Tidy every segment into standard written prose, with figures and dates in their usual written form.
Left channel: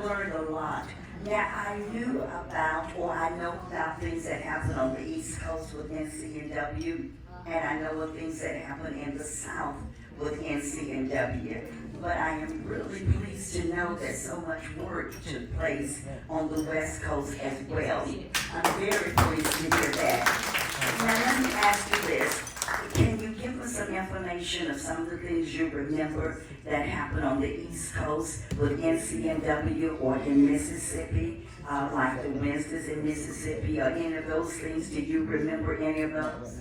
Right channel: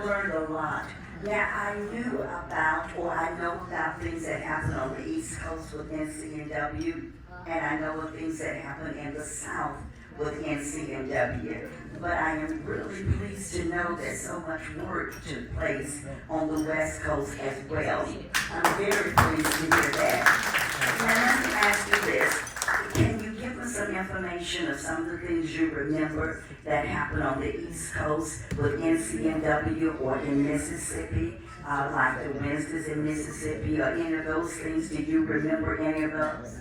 I've learned a lot. Now, I knew about, or I know about things that happen on the East Coast with NCNW, and I know of things that happen in the South with NCNW. But I am really pleased to know that so much work took place on the West Coast as well. I'm very pleased to hear that. Now, let me ask you this. Can you give us some information of some of the things you remember that happened on the East Coast with NCNW or in Mississippi, like the Wednesdays in Mississippi or any of those things? Do you remember any of those?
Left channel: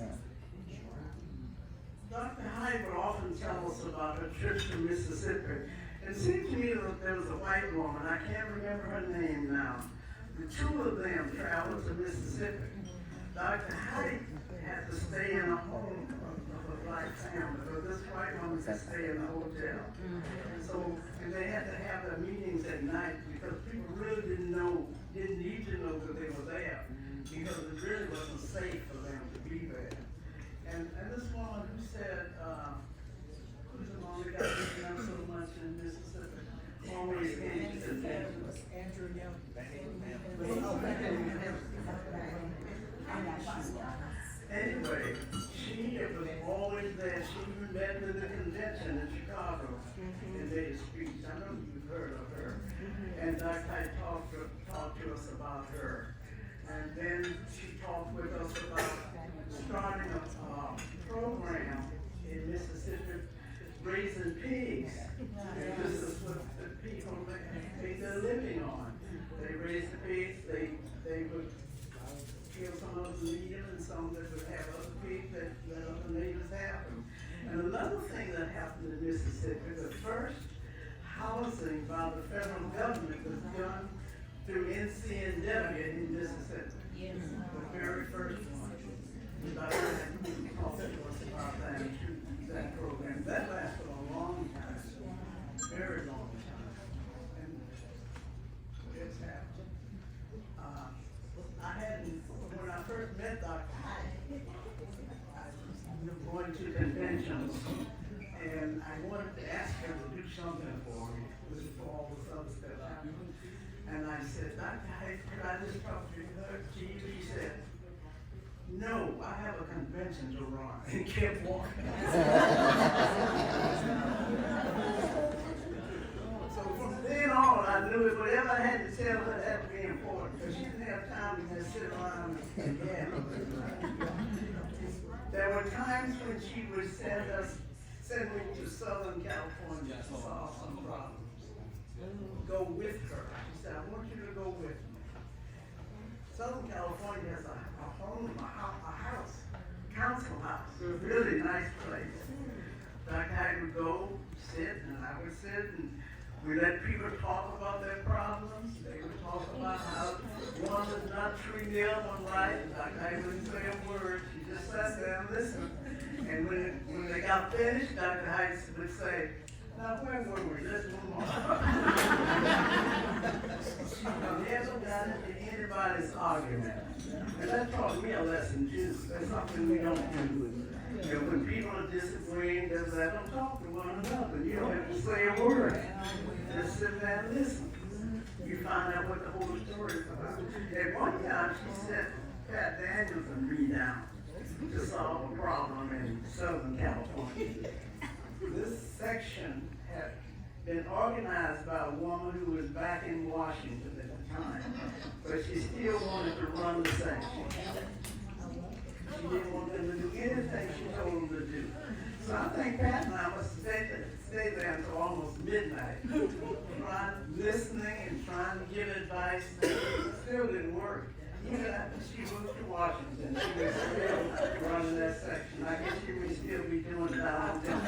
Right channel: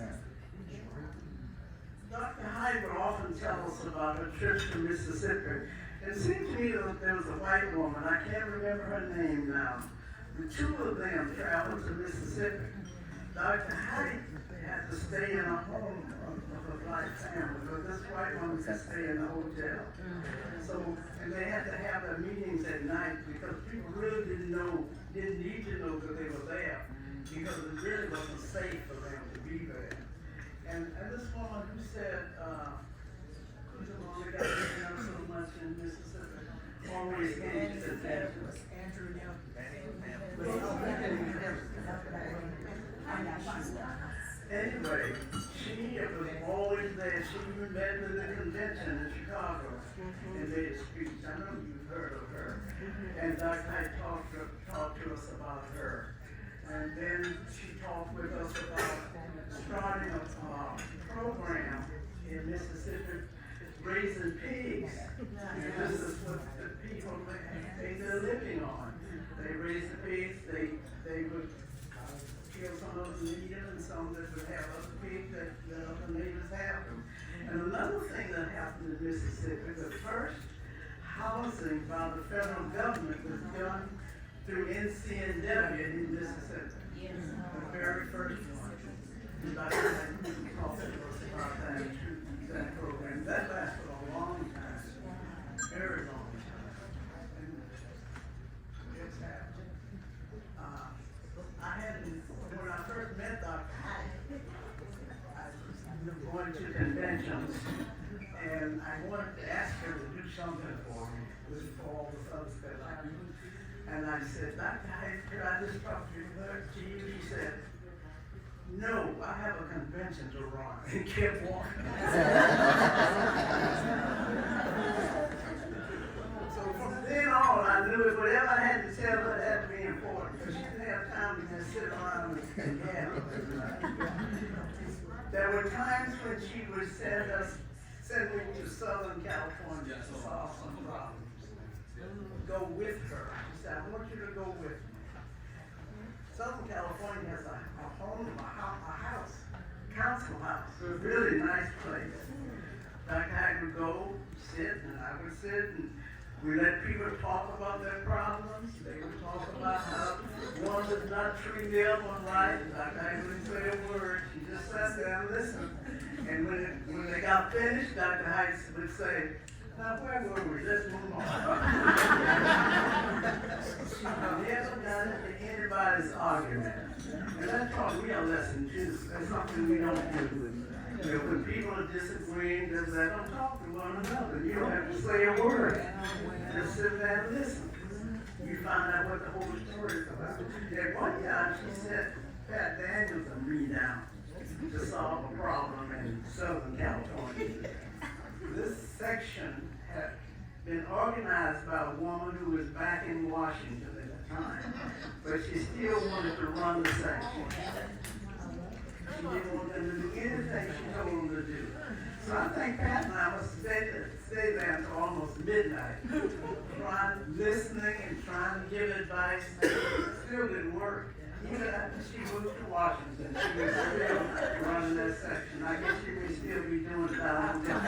Dr. Hyde would often tell us about her trips to Mississippi. It seemed to me that there was a white woman, I can't remember her name now. The two of them traveled to Mississippi. Dr. Hyde had to stay in a home of a black family, but this white woman could stay in a hotel. So, and they had to have their meetings at night because people really didn't need to know that they were there because it really wasn't safe for them to be there. And this woman who said, who's the one that got taken up so much in Mississippi, always engaged in that. Anyway, she was always there. She met with the convention in Chicago and made a speech. I know you've heard of her. And Dr. Hyde talked to us about her. And then she talked with us about starting a program in Mississippi raising pigs. And this is what the people make their living on. They raise the pigs, they would kill some of them, eat them, and some that would have other pigs that other neighbors have them. And another thing that happened in Mississippi, the first housing by the federal government was done through NCNW in Mississippi. Yes. The very first one. Dr. Hyde talked to us about that program. That lasted a long time, very long time. And it's happened. When I first met Dr. Hyde, I was going to conventions, and I wanted to ask her to do something for me. This is for all this other stuff. And I said, Dr. Hyde, could I just talk to you? She said, no, I have a convention to run, and kept walking. So from then on, I knew that whatever I had to tell her had to be important, because she didn't have time to just sit around and gab. There were times when she would send me to Southern California to solve some problems. Go with her. She said, I want you to go with me. Southern California has a home, a house, council house, a really nice place. Dr. Hyde would go, sit, and I would sit, and we let people talk about their problems. They would talk about how one was not treating the other one right. Dr. Hyde wouldn't say a word. She just sat there and listened. And when they got finished, Dr. Hyde would say, now where were we? Let's move on. Never got into anybody's argument. And that's what we are lesson too. That's something we don't do. You know, when people are disagreeing, just let them talk to one another. You don't have to say a word. Just sit there and listen. You find out what the whole story is about. At one time, she set Pat Daniels and me down to solve a problem in Southern California. This section had been organized by a woman who was back in Washington at the time, but she still wanted to run the section. She didn't want them to do anything she told them to do. So I think Pat and I must stay there until almost midnight, listening and trying to give advice. It still didn't work. Even after she moved to Washington, she was still running that section. I guess she may still be doing that on them.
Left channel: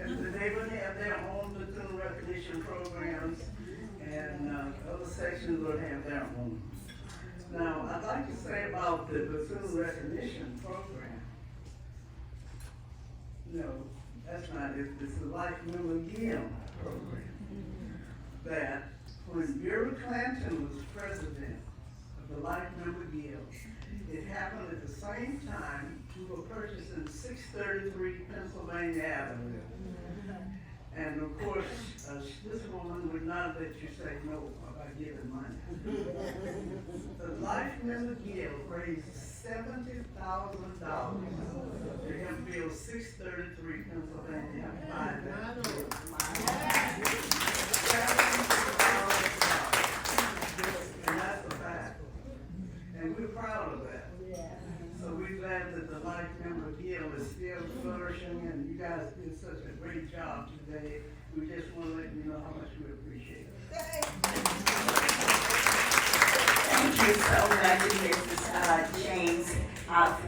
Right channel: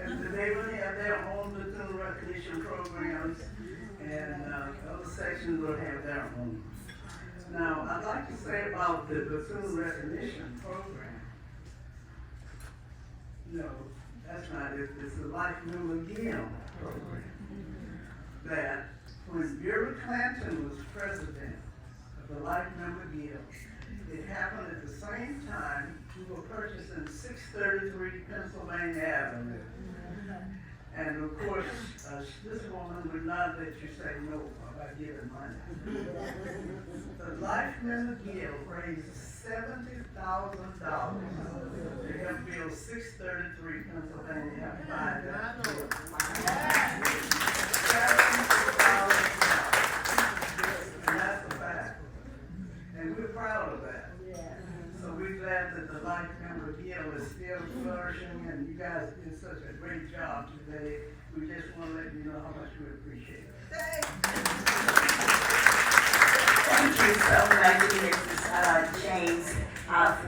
And they would have their own Bethune recognition programs, and other sections would have their own. Now, I'd like to say about the Bethune recognition program. No, that's not it. It's the Life McLeod program. That when Bureau Clinton was president of the Life McLeod, it happened at the same time we were purchasing 633 Pennsylvania Avenue. And of course, this woman would not let you say no about giving money. The Life Member Guild raised $70,000 to help build 633 Pennsylvania And that's a fact. And we're proud of that. So we're glad that the Life Member Guild is still flourishing, and you guys did such a great job today. We just want to let you know how much we appreciate it. Thank you so much, Mrs. James,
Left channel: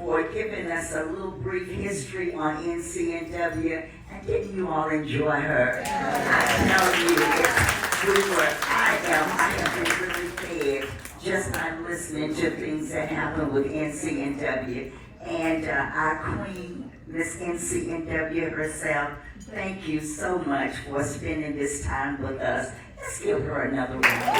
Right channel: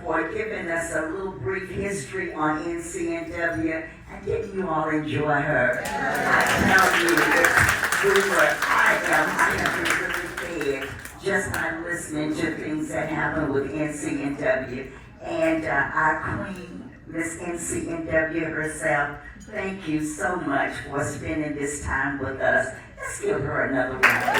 for giving us a little brief history on NCNW. And didn't you all enjoy her? I tell you, I have been really fed just by listening to things that happen with NCNW. And our queen, Miss NCNW herself, thank you so much for spending this time with us. Let's give her another round.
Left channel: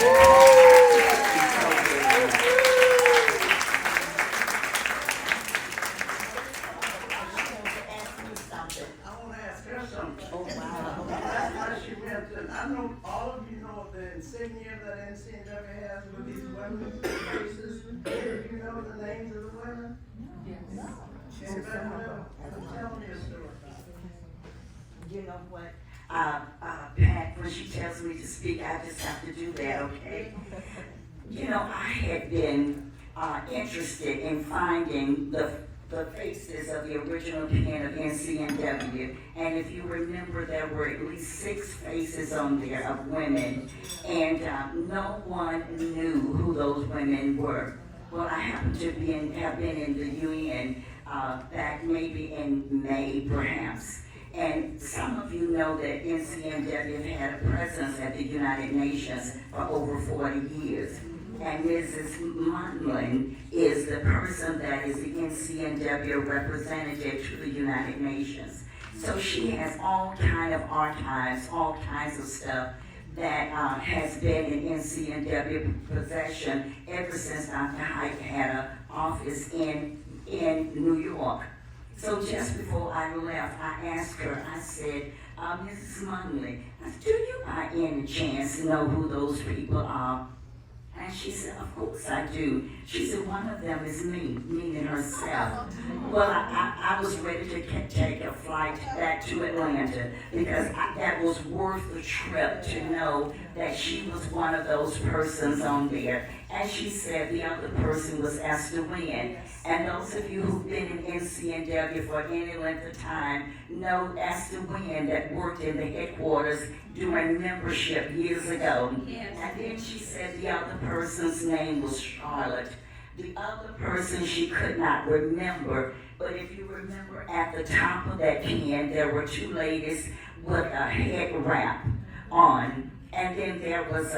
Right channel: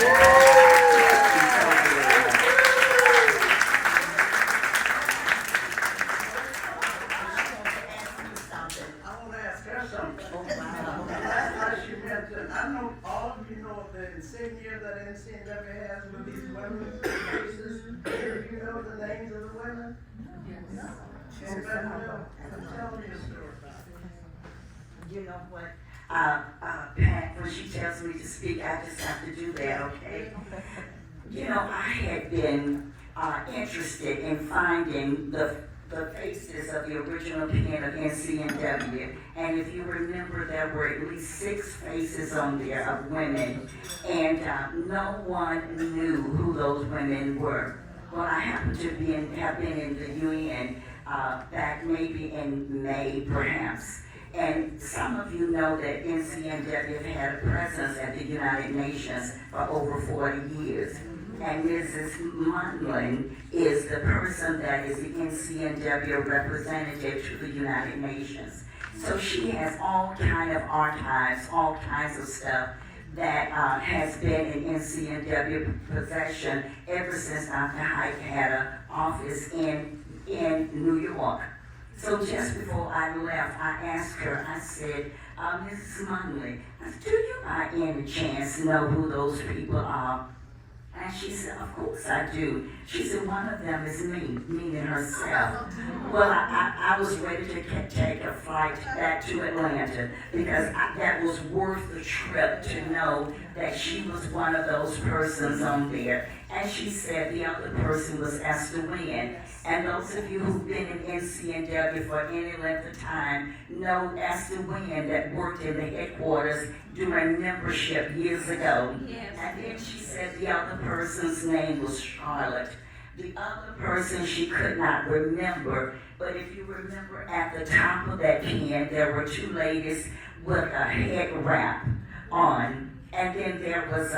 I know all of you know the insignia that NCNW has with these women's faces. Do you know the names of the women? Yes. Tell me a story about it. You know what, Pat, when she tells me to speak, I just have to do that, okay? You know, I had been interested in finding the faces of the original pen of NCNW. And if you remember, there were at least 6 faces on there of women, and no one knew who those women were. Well, I happened to have been in the UN back maybe in May, perhaps. And some of you know that NCNW had a presence at the United Nations for over 40 years. And Mrs. Munlin is the person that is the NCNW representative to the United Nations. So she has all kind of archives, all kinds of stuff that has been in NCNW possession ever since Dr. Hike had an office in New York. So just before I left, I asked her, I said, Mrs. Munlin, do you by any chance know who those people are? And she said, of course I do. She said, one of them is me, meaning herself. Well, I was ready to take a flight back to Atlanta because that was worth the trip to know that she was one of those persons on there. And she said the other person was Esther Wynn. And those of you who've been in NCNW for any length of time know Esther Wynn that worked in the headquarters during membership years ago. Yes. And then she said the other person's name was Charlotte. The other person she could not remember, but if you remember at the top of that pen, there were 2 ladies with a head wrap on, and then there was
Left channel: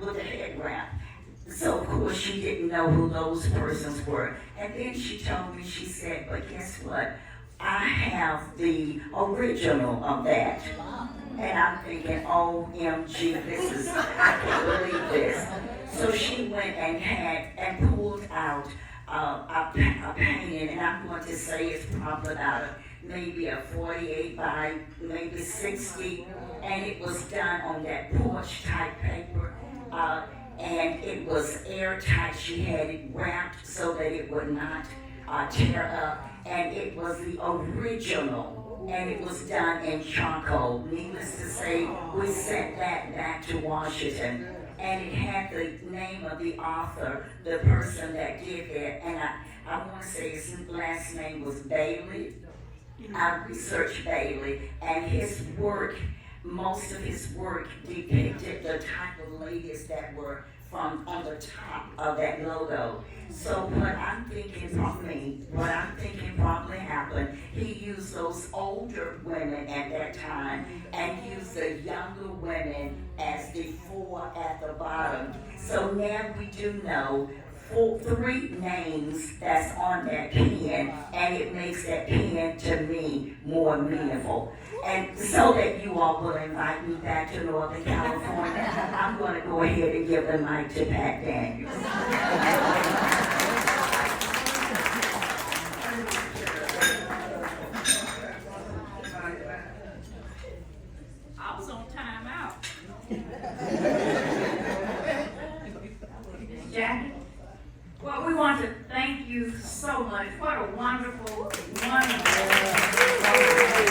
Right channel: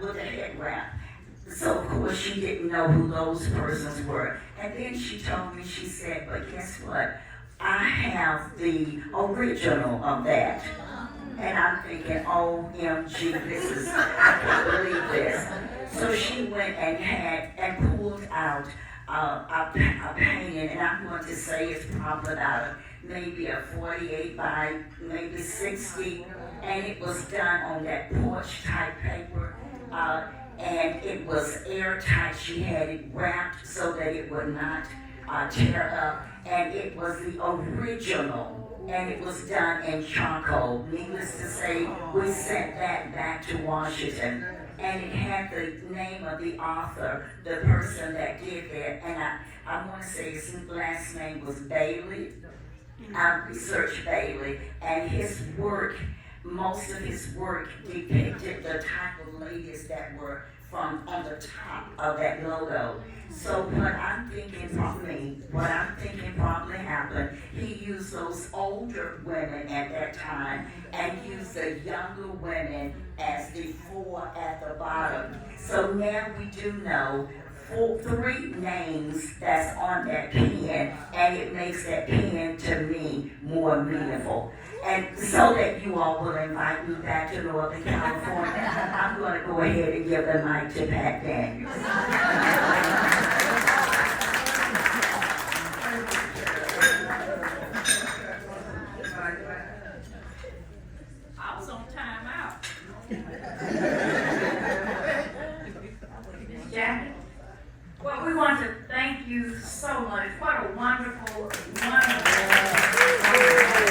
with a head wrap. So of course she didn't know who those persons were. And then she told me, she said, but guess what? I have the original of that. And I'm thinking, OMG, I can't believe this. So she went and pulled out a painting, and I'm going to say it's probably about maybe a 48 by maybe 60, and it was done on that porch type paper, and it was airtight. She had it wrapped so that it would not tear up, and it was the original, and it was done in charcoal. Needless to say, we sent that back to Washington, and it had the name of the author, the person that did that, and I want to say his last name was Bailey. I researched Bailey, and his work, most of his work depicted the type of ladies that were on the top of that logo. So what I'm thinking probably happened, he used those older women at that time and used the younger women as the 4 at the bottom. So now we do know 3 names that's on that pen, and it makes that pen to me more meaningful. And so that you all will invite me back to Northern California, I'm going to go ahead and give the mic to Pat Daniels. Jackie? Well, we want to thank you so much. What a wonderful, wonderful